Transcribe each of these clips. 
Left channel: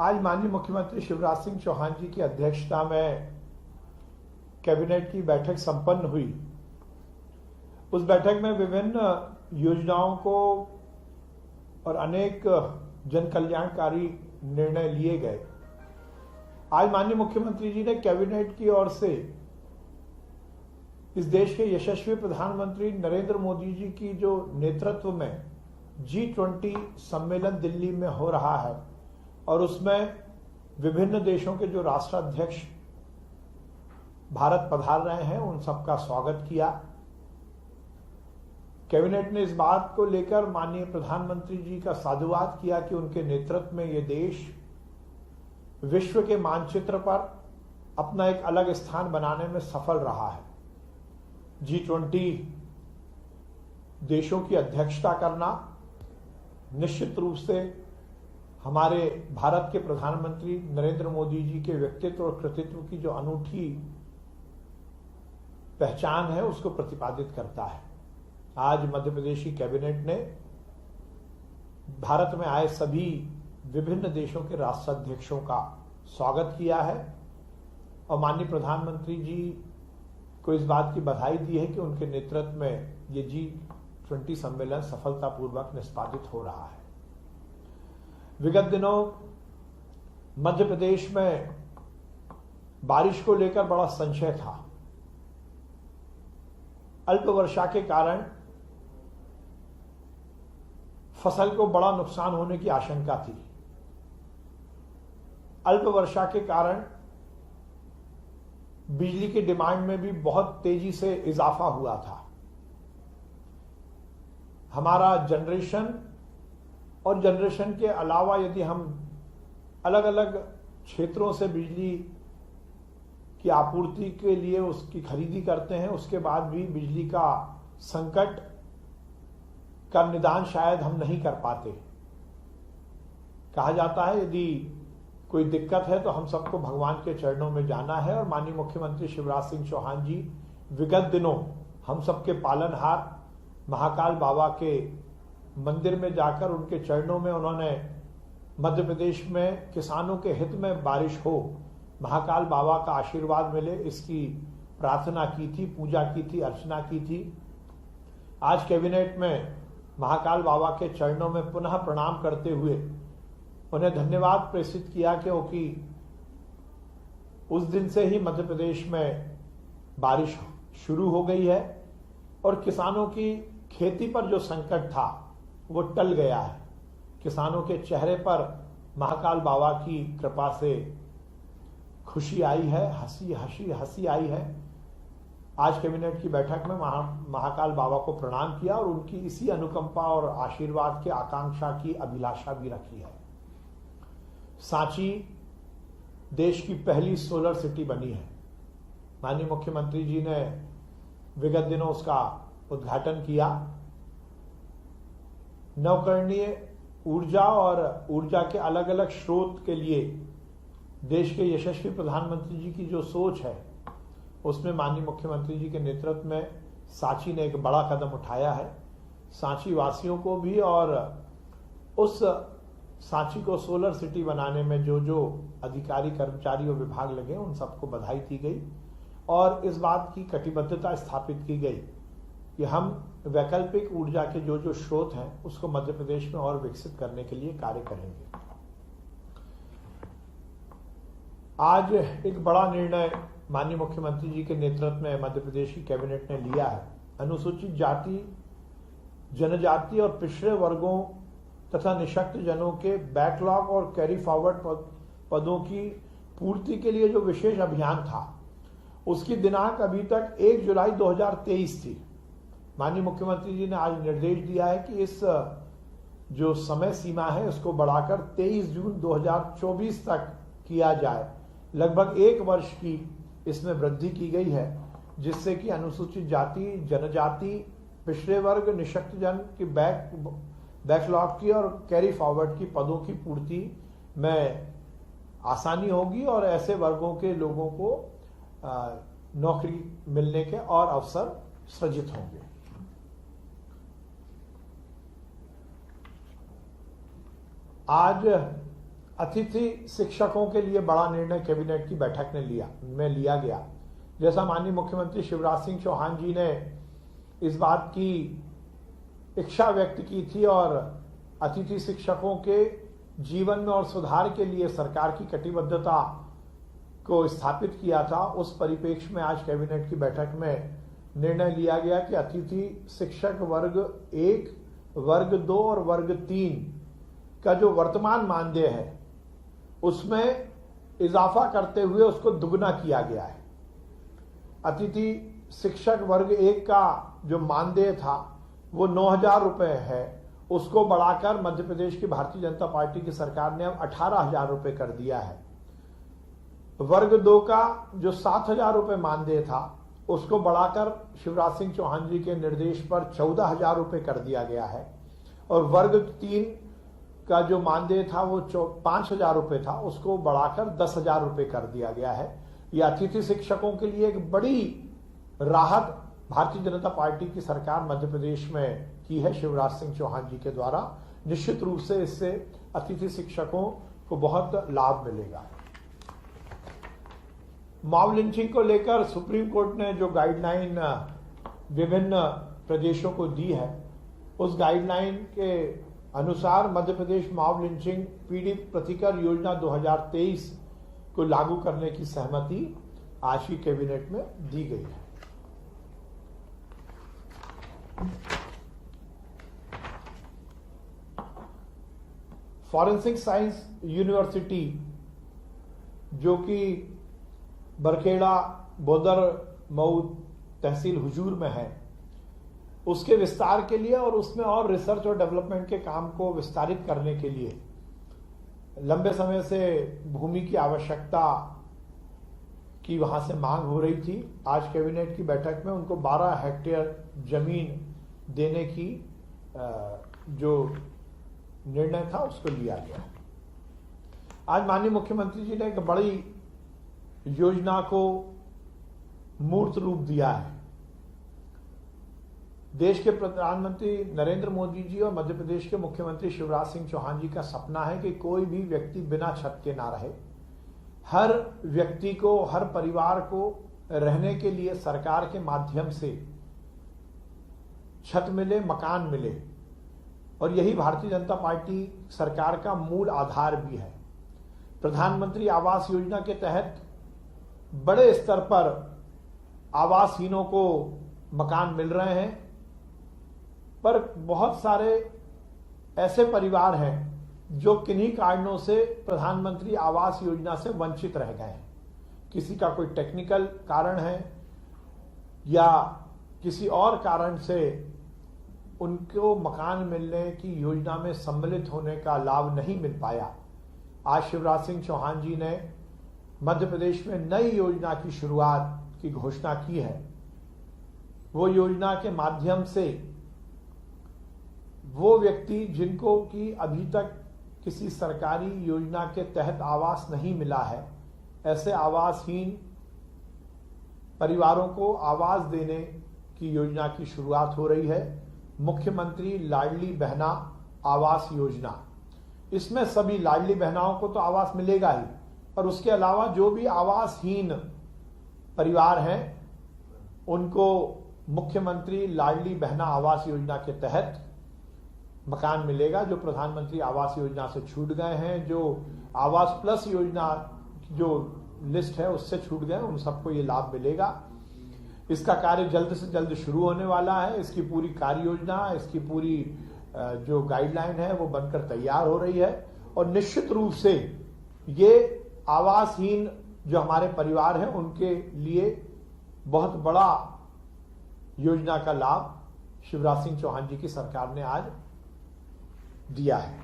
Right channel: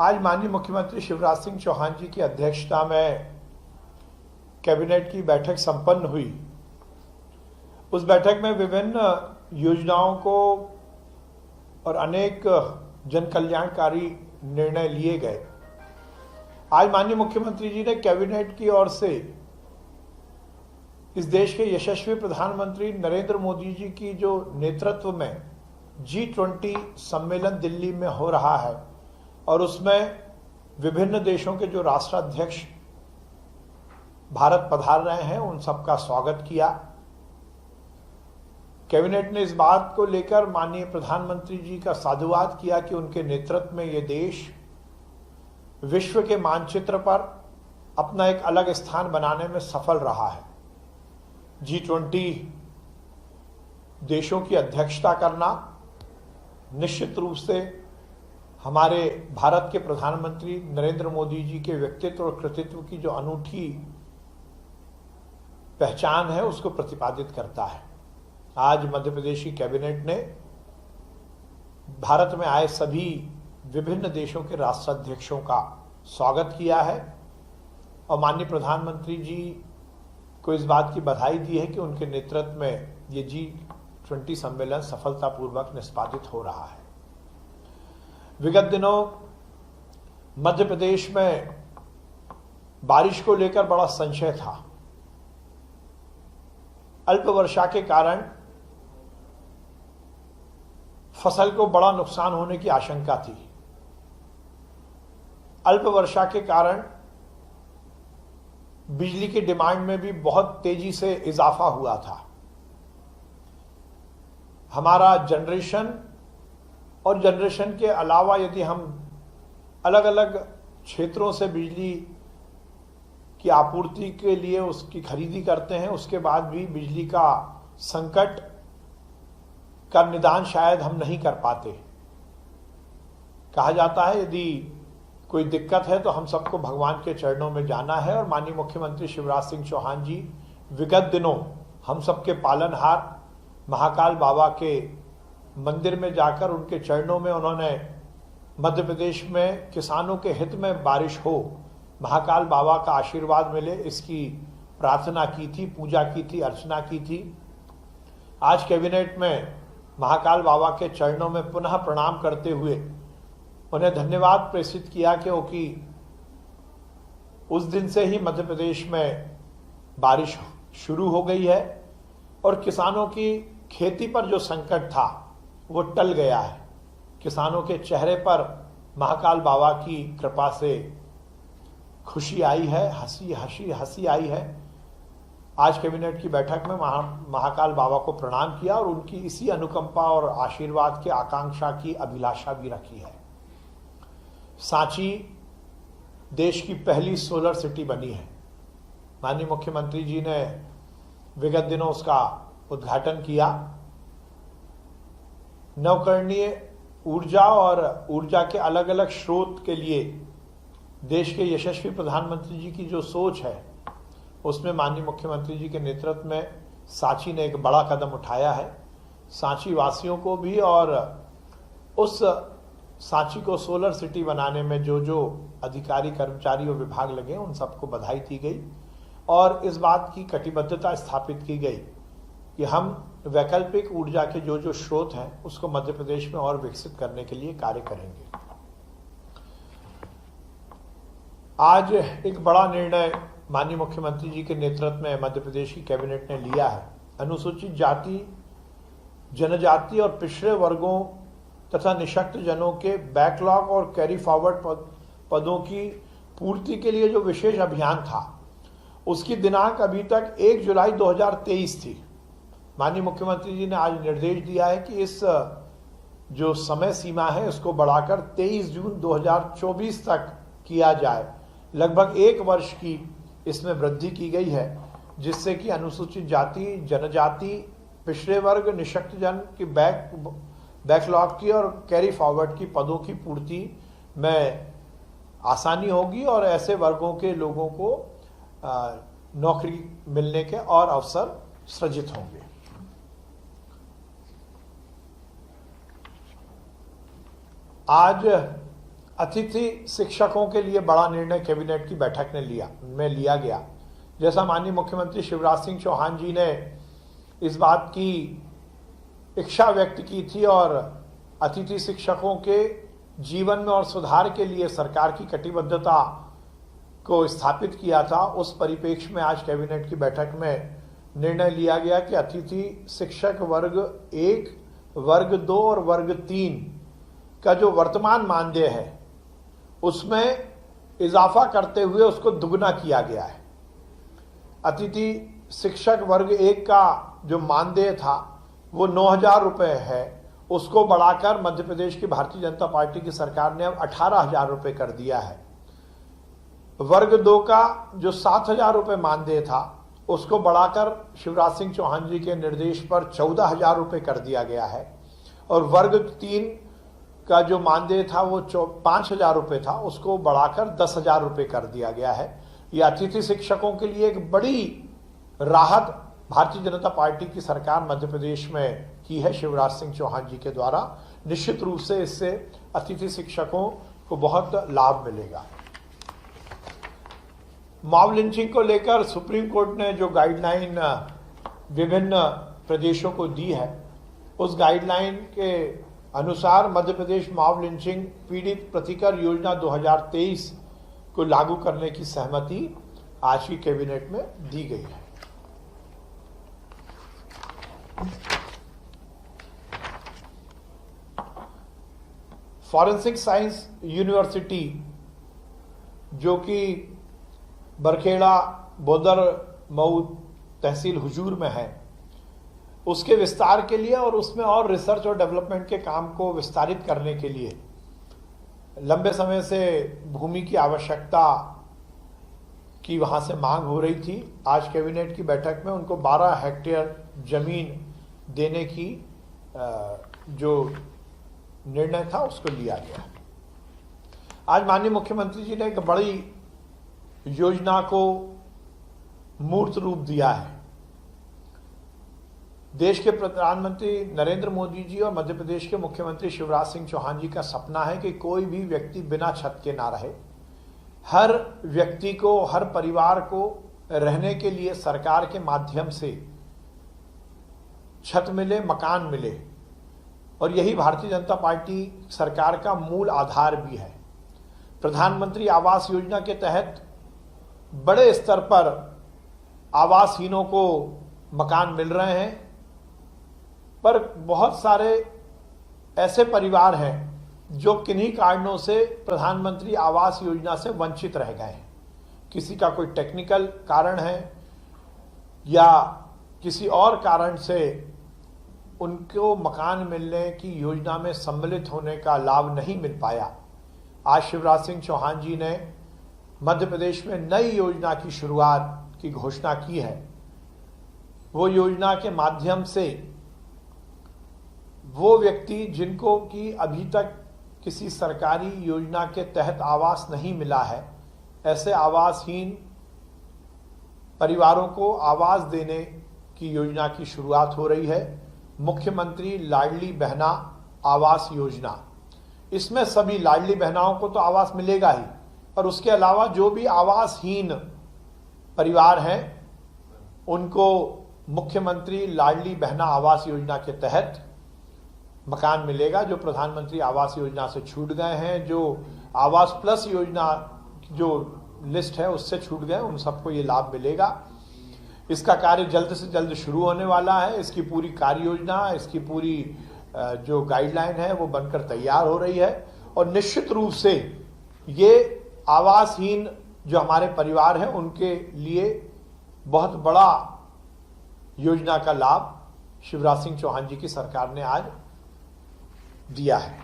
आज माननीय मुख्यमंत्री शिवराज सिंह चौहान जी की अध्यक्षता में कैबिनेट की बैठक संपन्न हुई। उस बैठक में विभिन्न योजनाओं को और अनेक जन कल्याणकारी निर्णय लिए गए। आज माननीय मुख्यमंत्री जी ने कैबिनेट की ओर से इस देश के यशस्वी प्रधानमंत्री नरेंद्र मोदी जी की जो नेतृत्व में G20 सम्मेलन दिल्ली में हो रहा है और उसमें विभिन्न देशों के जो राष्ट्राध्यक्ष भारत पधार रहे हैं, उन सबका स्वागत किया। कैबिनेट ने इस बात को लेकर माननीय प्रधानमंत्री जी का साधुवाद किया कि उनके नेतृत्व में ये देश विश्व के मानचित्र पर अपना एक अलग स्थान बनाने में सफल रहा है। G20 देशों की अध्यक्षता करना निश्चित रूप से हमारे भारत के प्रधानमंत्री नरेंद्र मोदी जी के व्यक्तित्व और कृतित्व की जो अनूठी पहचान है, उसको प्रतिपादित करता है। आज मध्य प्रदेश की कैबिनेट ने भारत में आए सभी विभिन्न देशों के राष्ट्राध्यक्षों का स्वागत किया है और माननीय प्रधानमंत्री जी को इस बात की बधाई दी है कि उनके नेतृत्व में ये G20 सम्मेलन सफलतापूर्वक निष्पादित हो रहा है। विगत दिनों मध्य प्रदेश में बारिश को लेकर बड़ा संशय था। अल्प वर्षा के कारण फसल को बड़ा नुकसान होने की आशंका थी। अल्प वर्षा के कारण बिजली की डिमांड में भी बहुत तेजी से इजाफा हुआ था। हमारा जनरेशन और जनरेशन के अलावा यदि हम अलग अलग क्षेत्रों से बिजली की आपूर्ति के लिए उसकी खरीदी करते हैं, उसके बाद भी बिजली का संकट का निदान शायद हम नहीं कर पाते। कहा जाता है यदि कोई दिक्कत है तो हम सबको भगवान के चरणों में जाना है और माननीय मुख्यमंत्री शिवराज सिंह चौहान जी विगत दिनों हम सबके पालनहार महाकाल बाबा के मंदिर में जाकर उनके चरणों में उन्होंने मध्य प्रदेश में किसानों के हित में बारिश हो, महाकाल बाबा का आशीर्वाद मिले, इसकी प्रार्थना की थी, पूजा की थी, अर्चना की थी। आज कैबिनेट में महाकाल बाबा के चरणों में पुनः प्रणाम करते हुए उन्हें धन्यवाद प्रेषित किया क्योंकि उस दिन से ही मध्य प्रदेश में बारिश शुरू हो गई है और किसानों की खेती पर जो संकट था वो टल गया है। किसानों के चेहरे पर महाकाल बाबा की कृपा से खुशी आई है, हंसी आई है। आज कैबिनेट की बैठक में महाकाल बाबा को प्रणाम किया और उनकी इसी अनुकंपा और आशीर्वाद के आकांक्षा की अभिलाषा भी रखी है। सांची देश की पहली सोलर सिटी बनी है। माननीय मुख्यमंत्री जी ने विगत दिनों उसका उद्घाटन किया। नवकरणीय ऊर्जा और ऊर्जा के अलग अलग स्रोत के लिए देश के यशस्वी प्रधानमंत्री जी की जो सोच है, उसमें माननीय मुख्यमंत्री जी के नेतृत्व में सांची ने एक बड़ा कदम उठाया है। सांची वासियों को भी और उस सांची को सोलर सिटी बनाने में जो जो अधिकारी, कर्मचारी और विभाग लगे, उन सबको बधाई दी गई और इस बात की कटिबद्धता स्थापित की गई कि हम वैकल्पिक ऊर्जा के जो जो स्रोत हैं उसको मध्य प्रदेश में और विकसित करने के लिए कार्य करेंगे। आज एक बड़ा निर्णय माननीय मुख्यमंत्री जी के नेतृत्व में मध्य प्रदेश की कैबिनेट ने लिया है। अनुसूचित जाति, जनजाति और पिछड़े वर्गों तथा निःशक्त जनों के बैकलॉग और कैरी फॉरवर्ड पदों की पूर्ति के लिए जो विशेष अभियान था, उसकी दिनांक अभी तक 1 जुलाई 2023 थी। माननीय मुख्यमंत्री जी ने आज निर्देश दिया है कि इस जो समय सीमा है उसको बढ़ाकर 23 जून 2024 तक किया जाए। लगभग 1 वर्ष की इसमें वृद्धि की गई है, जिससे कि अनुसूचित जाति, जनजाति, पिछड़े वर्ग, निःशक्त जन की बैकलॉग की और कैरी फॉरवर्ड की पदों की पूर्ति में आसानी होगी और ऐसे वर्गों के लोगों को नौकरी मिलने के और अवसर सृजित होंगे। आज अतिथि शिक्षकों के लिए बड़ा निर्णय कैबिनेट की बैठक में लिया गया। जैसा माननीय मुख्यमंत्री शिवराज सिंह चौहान जी ने इस बात की इच्छा व्यक्त की थी और अतिथि शिक्षकों के जीवन में और सुधार के लिए सरकार की कटिबद्धता को स्थापित किया था, उस परिप्रेक्ष्य में आज कैबिनेट की बैठक में निर्णय लिया गया कि अतिथि शिक्षक वर्ग 1, वर्ग 2 और वर्ग 3 का जो वर्तमान मानदेय है उसमें इजाफा करते हुए उसको दुगना किया गया है। अतिथि शिक्षक वर्ग 1 का जो मानदेय था वो 9,000 रुपये है, उसको बढ़ाकर मध्य प्रदेश की भारतीय जनता पार्टी की सरकार ने अब 18,000 रुपये कर दिया है। वर्ग 2 का जो 7,000 रुपये मानदेय था उसको बढ़ाकर शिवराज सिंह चौहान जी के निर्देश पर 14,000 रुपये कर दिया गया है और वर्ग 3 का जो मानदेय था वो 5,000 रुपये था, उसको बढ़ाकर 10,000 रुपये कर दिया गया है। ये अतिथि शिक्षकों के लिए एक बड़ी राहत भारतीय जनता पार्टी की सरकार मध्य प्रदेश में की है शिवराज सिंह चौहान जी के द्वारा। निश्चित रूप से इससे अतिथि शिक्षकों को बहुत लाभ मिलेगा। मॉब लिंचिंग को लेकर सुप्रीम कोर्ट ने जो गाइडलाइन विभिन्न प्रदेशों को दी है, उस गाइडलाइन के अनुसार मध्य प्रदेश मॉब लिंचिंग पीड़ित प्रतिकर योजना 2023 को लागू करने की सहमति आज की कैबिनेट में दी गई है। फॉरेंसिक साइंस यूनिवर्सिटी जो कि बरखेड़ा बोदर मऊ तहसील हुजूर में है, उसके विस्तार के लिए और उसमें और रिसर्च और डेवलपमेंट के काम को विस्तारित करने के लिए लंबे समय से भूमि की आवश्यकता की वहां से मांग हो रही थी। आज कैबिनेट की बैठक में उनको 12 हेक्टेयर जमीन देने की जो निर्णय था उसको लिया गया। आज माननीय मुख्यमंत्री जी ने एक बड़ी योजना को मूर्त रूप दिया है। देश के प्रधानमंत्री नरेंद्र मोदी जी और मध्य प्रदेश के मुख्यमंत्री शिवराज सिंह चौहान जी का सपना है कि कोई भी व्यक्ति बिना छत के ना रहे। हर व्यक्ति को, हर परिवार को रहने के लिए सरकार के माध्यम से छत मिले, मकान मिले, और यही भारतीय जनता पार्टी सरकार का मूल आधार भी है। प्रधानमंत्री आवास योजना के तहत बड़े स्तर पर आवासहीनों को मकान मिल रहे हैं, पर बहुत सारे ऐसे परिवार हैं जो किन्हीं कारणों से प्रधानमंत्री आवास योजना से वंचित रह गए हैं। किसी का कोई टेक्निकल कारण है या किसी और कारण से उनको मकान मिलने की योजना में सम्मिलित होने का लाभ नहीं मिल पाया। आज शिवराज सिंह चौहान जी ने मध्य प्रदेश में नई योजना की शुरुआत की घोषणा की है। वो योजना के माध्यम से वो व्यक्ति जिनको कि अभी तक किसी सरकारी योजना के तहत आवास नहीं मिला है, ऐसे आवासहीन परिवारों को आवास देने की योजना की शुरुआत हो रही है। मुख्यमंत्री लाडली बहना आवास योजना, इसमें सभी लाडली बहनाओं को तो आवास मिलेगा ही, और उसके अलावा जो भी आवासहीन परिवार हैं उनको मुख्यमंत्री लाडली बहना आवास योजना के तहत मकान मिलेगा। जो प्रधानमंत्री आवास योजना से छूट गए हैं, जो आवास प्लस योजना जो लिस्ट है उससे छूट गए, उन सबको ये लाभ मिलेगा। इसका कार्य जल्द से जल्द शुरू होने वाला है। इसकी पूरी कार्य योजना, इसकी पूरी जो गाइडलाइन है वो बनकर तैयार हो रही है, और निश्चित रूप से ये आवासहीन जो हमारे परिवार हैं उनके लिए बहुत बड़ा योजना का लाभ शिवराज सिंह चौहान जी की सरकार ने आज दिया है।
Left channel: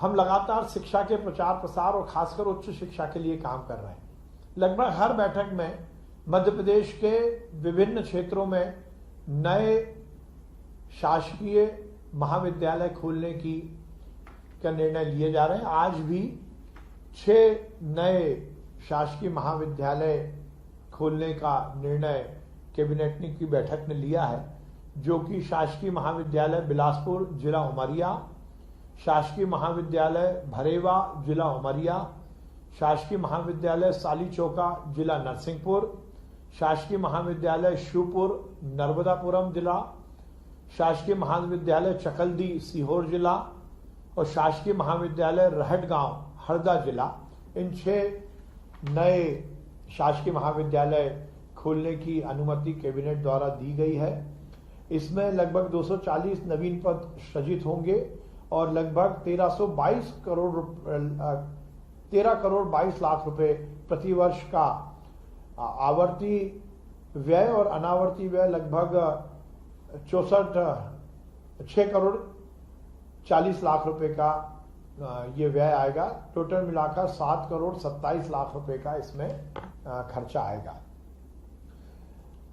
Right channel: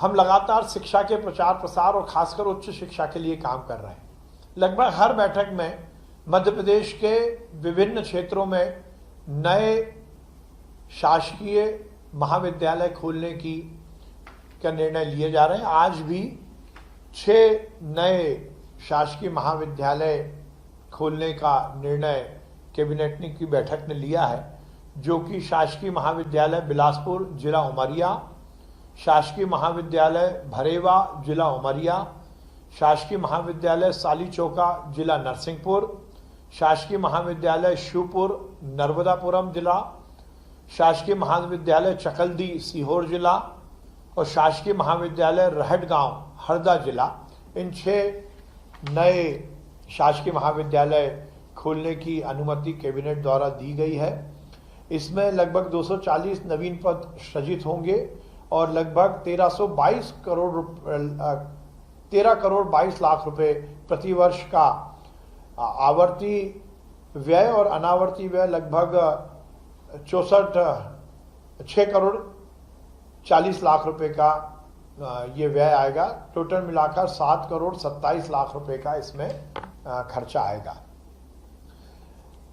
हम लगातार शिक्षा के प्रचार प्रसार और खासकर उच्च शिक्षा के लिए काम कर रहे हैं। लगभग हर बैठक में मध्य प्रदेश के विभिन्न क्षेत्रों में नए शासकीय महाविद्यालय खोलने का निर्णय लिए जा रहे हैं। आज भी 6 नए शासकीय महाविद्यालय खोलने का निर्णय कैबिनेट की बैठक ने लिया है, जो कि शासकीय महाविद्यालय बिलासपुर जिला उमरिया, शासकीय महाविद्यालय भरेवा जिला उमरिया, शासकीय महाविद्यालय सालीचौका जिला नरसिंहपुर, शासकीय महाविद्यालय शिवपुर नर्मदापुरम जिला, शासकीय महाविद्यालय चकल्दी सीहोर जिला और शासकीय महाविद्यालय रहटगांव हरदा जिला, इन 6 नए शासकीय महाविद्यालय खोलने की अनुमति कैबिनेट द्वारा दी गई है। इसमें लगभग 240 नवीन पद सृजित होंगे और लगभग 13 करोड़ 22 लाख रुपए प्रतिवर्ष का आवर्ती व्यय और अनावर्ती व्यय लगभग 6 करोड़ 40 लाख रुपए का ये व्यय आएगा। टोटल मिलाकर 7 करोड़ 27 लाख रुपए का इसमें खर्चा आएगा।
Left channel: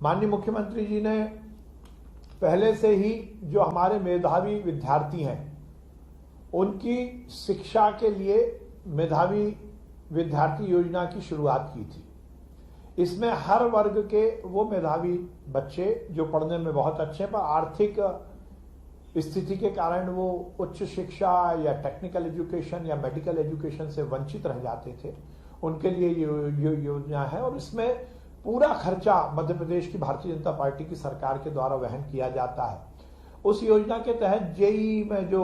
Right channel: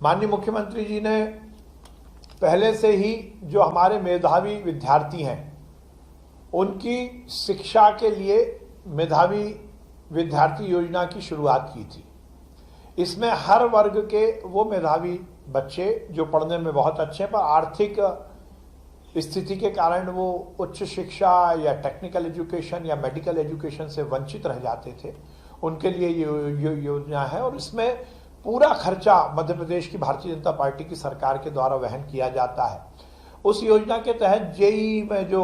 माननीय मुख्यमंत्री जी ने पहले से ही जो हमारे मेधावी विद्यार्थी हैं उनकी शिक्षा के लिए मेधावी विद्यार्थी योजना की शुरुआत की थी। इसमें हर वर्ग के वो मेधावी बच्चे जो पढ़ने में बहुत अच्छे हैं पर आर्थिक स्थिति के कारण वो उच्च शिक्षा या टेक्निकल एजुकेशन या मेडिकल एजुकेशन से वंचित रह जाते थे, उनके लिए ये योजना है और इसमें पूरा खर्चा मध्य प्रदेश की भारतीय जनता पार्टी की सरकार के द्वारा वहन किया जाता है। उस योजना के तहत जेईई में जो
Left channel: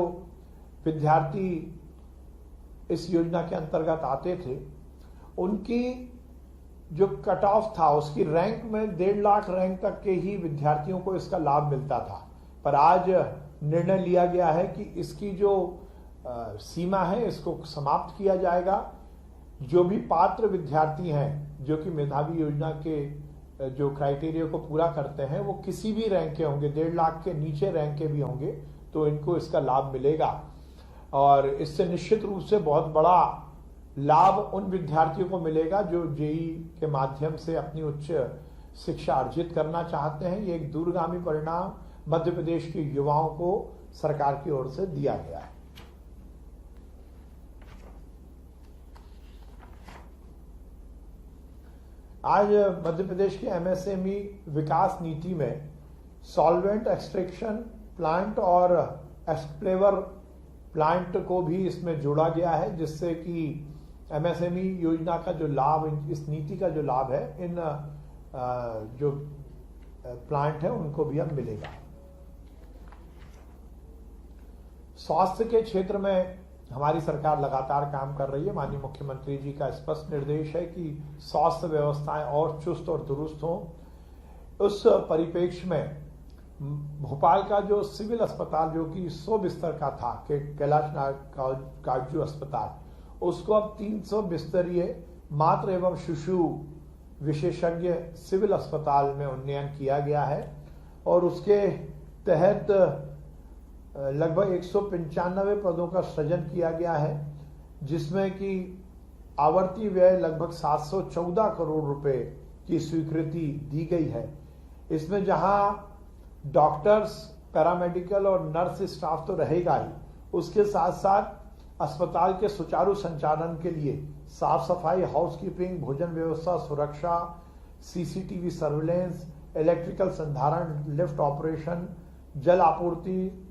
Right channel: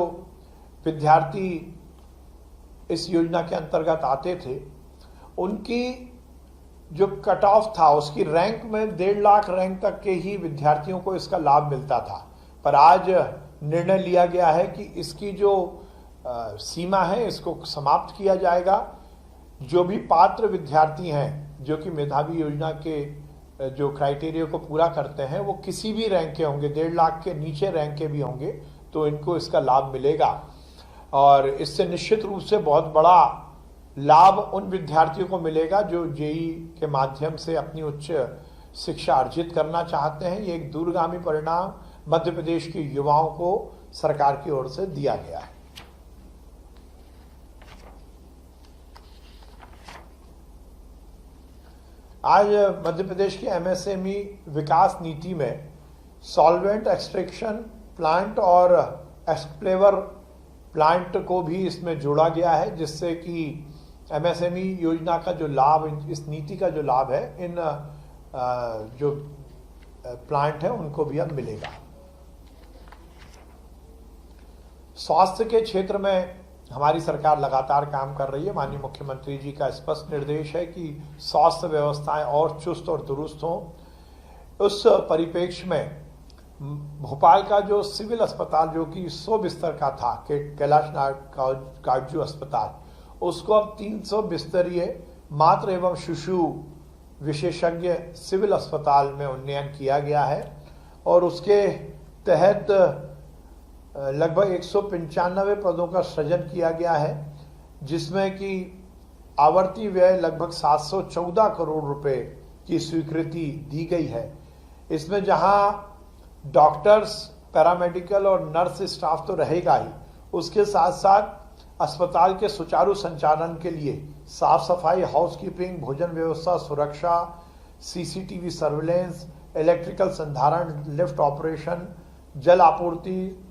विद्यार्थी इस योजना के अंतर्गत आते थे उनकी जो कट ऑफ था उसकी रैंक में 1.5 लाख रैंक तक के ही विद्यार्थियों को इसका लाभ मिलता था, पर आज निर्णय लिया गया है कि इसकी जो सीमा है इसको समाप्त किया जाएगा। जो भी पात्र विद्यार्थी हैं जो कि मेधावी योजना के जो क्राइटेरिया को पूरा करते हैं वो किसी भी रैंक के होंगे, 1.5 लाख के नीचे रैंक के भी होंगे तो इनको इसका लाभ मिलेगा और इससे निश्चित रूप से बहुत बड़ा लाभ उन विद्यार्थियों को मिलेगा जो जेईई के माध्यम से अपनी उच्च शिक्षा अर्जित करना चाहते हैं। ये एक दूरगामी परिणाम मध्य प्रदेश के युवाओं को सरकार की ओर से दिया गया है। आज मध्य प्रदेश की एमएसएमई विकास नीति में सॉल्वेंट एक्सट्रैक्शन प्लांट और एक्सप्लेवर प्लांट को भी इसमें जोड़ा गया है, जिससे कि एमएसएमई योजना का जो लाभ, इस नीति का जो लाभ है इन जो प्लांट है उनको भी अब मिलेगा। स्वास्थ्य के क्षेत्र में हमारी सरकार लगातार काम कर रही है। माननीय मुख्यमंत्री जी का स्पष्ट निर्देश है कि स्वास्थ्य व्यवस्थाएं और चुस्त और दुरुस्त हों। उस परिप्रेक्ष्य में भोपाल का जो सिविल अस्पताल जो कि 100 बिस्तर का था, कैलाश काटजू अस्पताल, उसको अब 300 बिस्तरीय मातृ एवं शिशु विशेषज्ञ सिविल अस्पताल में उन्नयन किया गया है और उसके तहत लगभग 195 पदों का सृजन किया गया है, जिसमें कि आवर्ती व्यय लगभग 714 करोड़ रुपए की स्वीकृति दी गई है। इसमें जहां डॉक्टर्स, पैरामेडिकल और नर्स स्टाफ तो रहेगा ही, उसके साथ साथ अस्पताल के सुचारू संचालन के लिए साफ सफाई, हाउसकीपिंग, भोजन व्यवस्था, सुरक्षा, सीसीटीवी सर्विलेंस, इलेक्ट्रिकल संधारण, लिफ्ट ऑपरेशन, जल आपूर्ति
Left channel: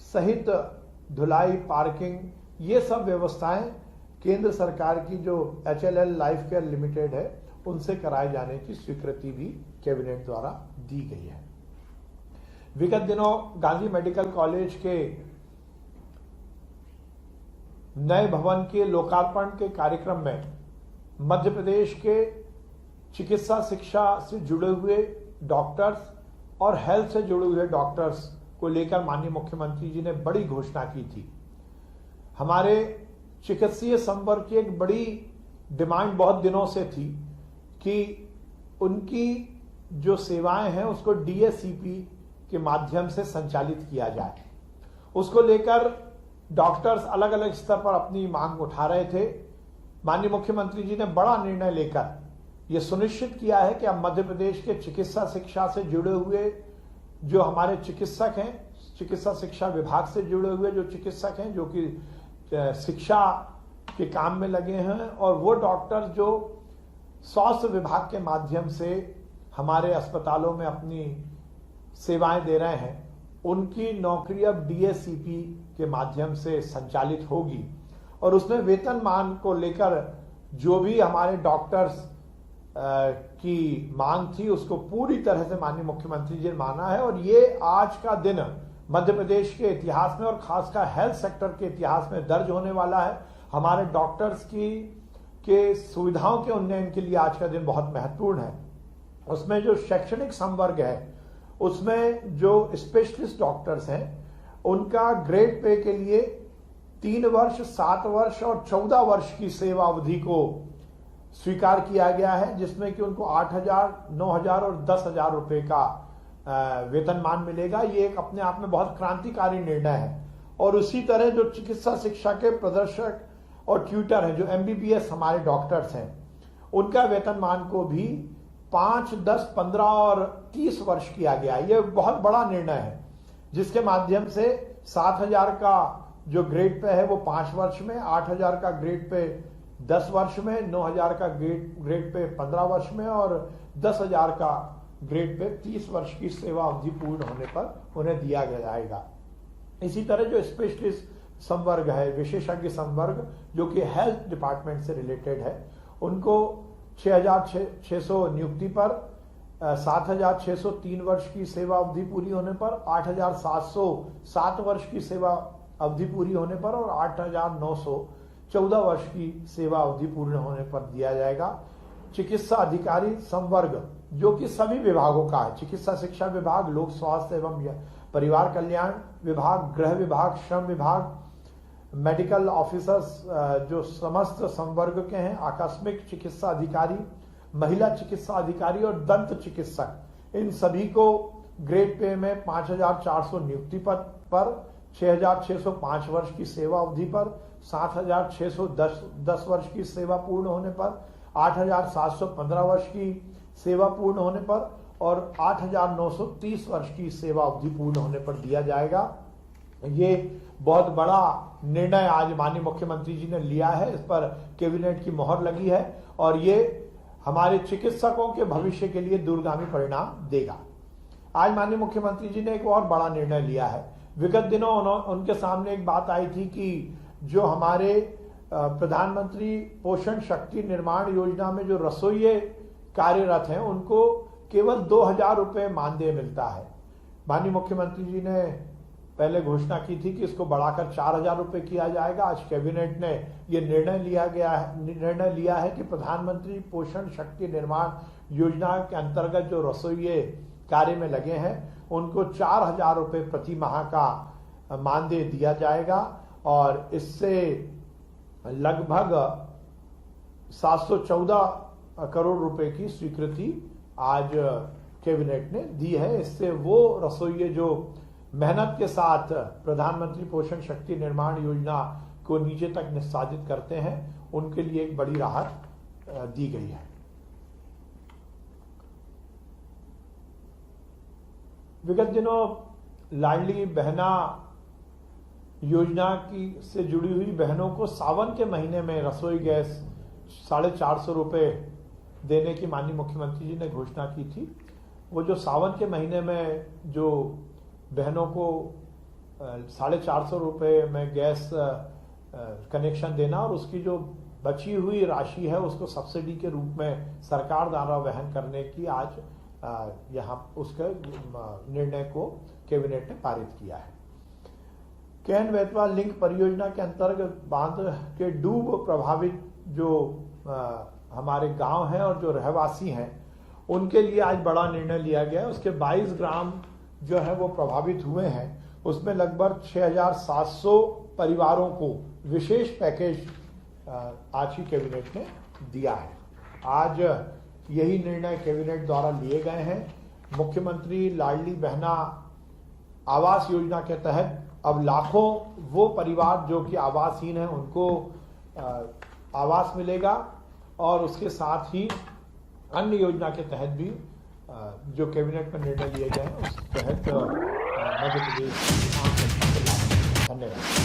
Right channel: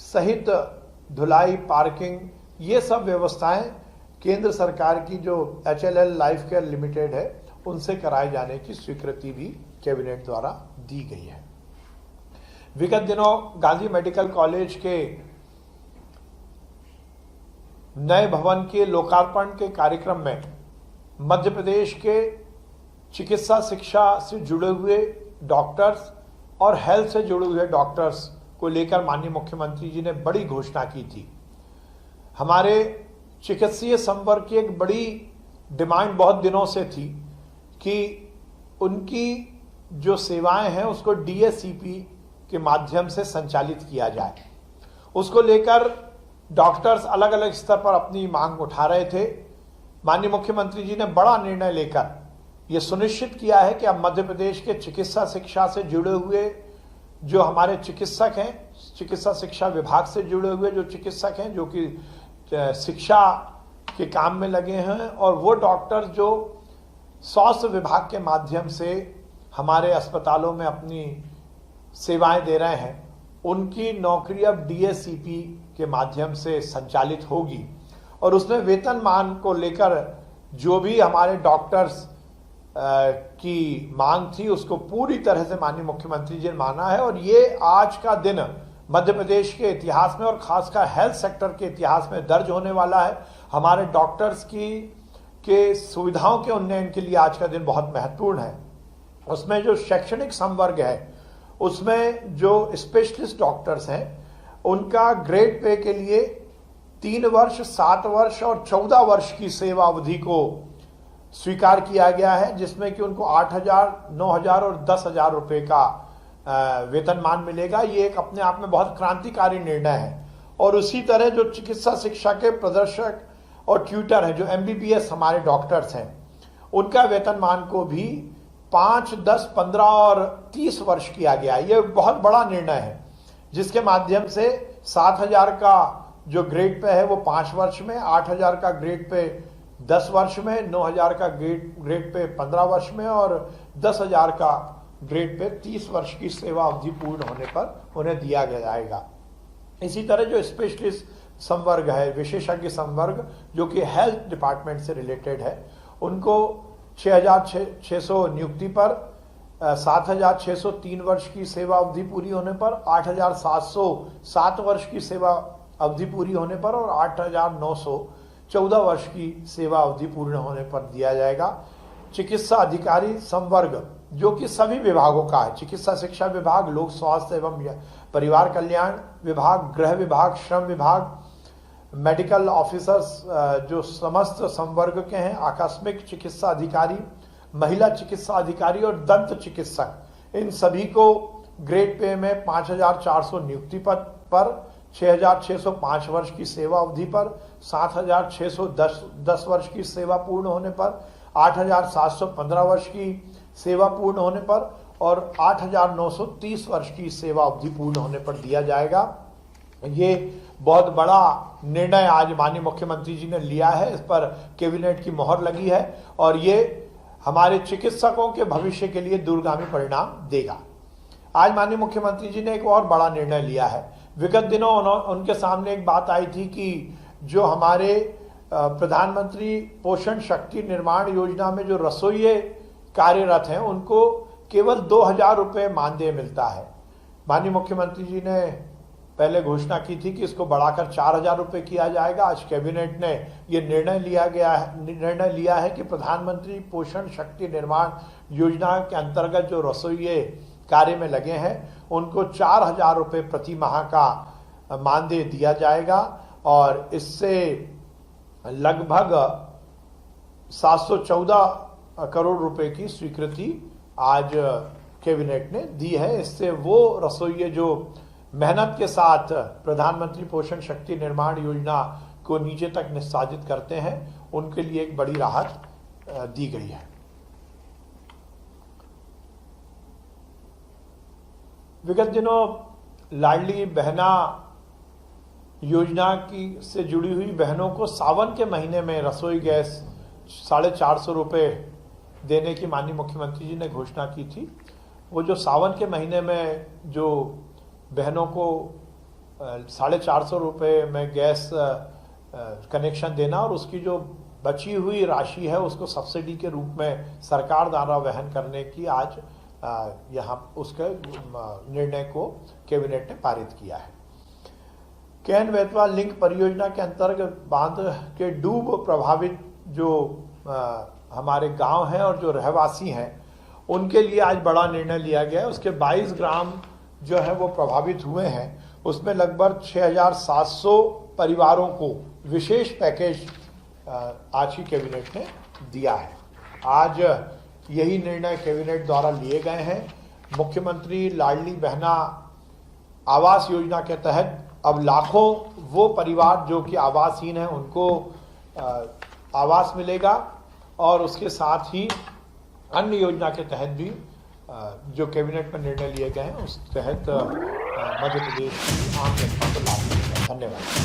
सहित धुलाई, पार्किंग, ये सब व्यवस्थाएं केंद्र सरकार की जो HLL लाइफ केयर लिमिटेड है उनसे कराए जाने की स्वीकृति भी कैबिनेट द्वारा दी गई है। विगत दिनों गांधी मेडिकल कॉलेज के नए भवन के लोकार्पण के कार्यक्रम में मध्य प्रदेश के चिकित्सा शिक्षा से जुड़े हुए डॉक्टर्स और हेल्थ से जुड़े हुए डॉक्टर्स को लेकर माननीय मुख्यमंत्री जी ने बड़ी घोषणा की थी। हमारे चिकित्सीय संवर्ग की एक बड़ी डिमांड बहुत दिनों से थी कि उनकी जो सेवाएं हैं उसको DSCP के माध्यम से संचालित किया जाए। उसको लेकर डॉक्टर्स अलग अलग स्तर पर अपनी मांग उठा रहे थे। माननीय मुख्यमंत्री जी ने बड़ा निर्णय लेकर यह सुनिश्चित किया है कि अब मध्य प्रदेश के चिकित्सा शिक्षा से जुड़े हुए जो हमारे चिकित्सक हैं, चिकित्सा शिक्षा विभाग से जुड़े हुए जो चिकित्सक हैं जो कि शिक्षा के काम में लगे हैं, और वो डॉक्टर जो स्वास्थ्य विभाग के माध्यम से हमारे अस्पतालों में अपनी सेवाएं दे रहे हैं, उनकी नौकरी अब डीएससीपी के माध्यम से संचालित होगी और उसमें वेतनमान को लेकर जो भी हमारे डॉक्टर्स की मांग थी उसको पूरी तरह से माननीय मुख्यमंत्री जी ने माना है। और ये आज का दिन मध्य प्रदेश के इतिहास में और खासकर हेल्थ सेक्टर के इतिहास में दर्ज होने वाला है। हमारे डॉक्टर्स के सुविधाओं के उन्नयन के लिए आज का दिन बहुत महत्वपूर्ण है। उसमें जो शैक्षणिक संवर्ग है उसमें जो स्पेशलिस्ट डॉक्टर्स हैं उनका ग्रेड पे के लिए 3 वर्ष, 7 वर्ष और 14 वर्ष की सेवा अवधि को स्वीकार किया गया है, जिसमें कि उनको 8,000, 9,000 और 10,000 रुपए का वेतनमान मिलेगा। ये एक अपने आप में बहुत क्रांतिकारी निर्णय है। और उसी तरह जो चिकित्सा शिक्षा के प्रदर्शक और ट्यूटर हैं, जो एमबीबीएस हमारे डॉक्टर्स हैं, उनका वेतनमान को भी 5, 10, 15 और 30 वर्ष किया गया। ये बहुत बड़ा निर्णय है, जिसके माध्यम से 7,000 का जो ग्रेड पे है वो 5 वर्ष में, 8,000 का ग्रेड पे 10 वर्ष में, 9,000 का ग्रेड पे 15 वर्ष में और 10,000 का ग्रेड पे 30 वर्ष की सेवा अवधि पूर्ण होने पर उन्हें दिया जाएगा। इसी तरह जो स्पेशलिस्ट संवर्ग है, विशेषज्ञ संवर्ग, जो कि हेल्थ डिपार्टमेंट से रिलेटेड है, उनको 6,600 नियुक्ति पर, 7,603 वर्ष की सेवा अवधि पूरी होने पर, 8,707 वर्ष की सेवा अवधि पूरी होने पर और 8,914 वर्ष की सेवा अवधि पूर्ण होने पर दिया जाएगा। चिकित्सा अधिकारी संवर्ग, जो कि सभी विभागों का है, चिकित्सा शिक्षा विभाग, लोक स्वास्थ्य एवं परिवार कल्याण विभाग, गृह विभाग, श्रम विभाग, मेडिकल ऑफिसर्स जो समस्त संवर्ग के हैं, आकस्मिक चिकित्सा अधिकारी, महिला चिकित्सा अधिकारी और दंत चिकित्सक, इन सभी को ग्रेड पे में 5,400 नियुक्ति पद पर, 6,605 वर्ष की सेवा अवधि पर, 7,610 वर्ष की सेवा पूर्ण होने पर, 8,715 वर्ष की सेवा पूर्ण होने पर और 8,930 वर्ष की सेवा अवधि पूर्ण होने पर दिया जाएगा। ये बहुत बड़ा निर्णय आज माननीय मुख्यमंत्री जी ने लिया है, इस पर कैबिनेट की मोहर लगी है और ये हमारे चिकित्सकों के भविष्य के लिए दूरगामी परिणाम देगा। आज माननीय मुख्यमंत्री जी ने एक और बड़ा निर्णय लिया है। विगत दिनों उनके सामने एक बात आई थी कि जो हमारे प्रधानमंत्री पोषण शक्ति निर्माण योजना में जो रसोइये कार्यरत हैं उनको केवल 2,000 रुपये मानदेय मिलता है। माननीय मुख्यमंत्री जी ने पहले घोषणा की थी कि इसको बढ़ाकर 4,000 रुपये किया जाएगा। आज कैबिनेट ने ये निर्णय लिया है कि प्रधानमंत्री पोषण शक्ति निर्माण योजना के अंतर्गत जो रसोइये कार्य में लगे हैं उनको 4,000 रुपये प्रति माह का मानदेय दिया जाएगा और इससे लगभग 714 करोड़ रुपए की स्वीकृति आज कैबिनेट ने दी है। इससे वो रसोइये जो मेहनत के साथ प्रधानमंत्री पोषण शक्ति निर्माण योजना को नीचे तक निष्पादित करते हैं, उनके लिए एक बड़ी राहत दी गई है। विगत दिनों लाडली बहना योजना से जुड़ी हुई बहनों को सावन के महीने में रसोई गैस 450 रुपये देने की माननीय मुख्यमंत्री जी ने घोषणा की थी। वो जो सावन के महीने में जो बहनों को 450 रुपये में गैस कनेक्शन देना और उसकी जो बची हुई राशि है उसको सब्सिडी के रूप में सरकार द्वारा वहन करने की आज यहाँ उसके निर्णय को कैबिनेट ने पारित किया है। केन बेतवा लिंक परियोजना के अंतर्गत बांध के डूब प्रभावित जो हमारे गांव हैं और जो रहवासी हैं उनके लिए आज बड़ा निर्णय लिया गया है। उसके 22 ग्राम जो है वो प्रभावित हुए हैं, उसमें लगभग 6,700 परिवारों को विशेष पैकेज आज ही कैबिनेट ने दिया है। आज यही निर्णय कैबिनेट द्वारा लिए गए हैं। मुख्यमंत्री लाडली बहना आवास योजना के तहत अब लाखों वो परिवार जो कि आवासहीन हैं उनको आवास मिलेगा और उसके साथ ही अन्य योजना के तहत भी जो कैबिनेट में निर्णय लिए गए हैं उस तहत मध्य प्रदेश की आम जनता को लाभ मिलेगा। धन्यवाद।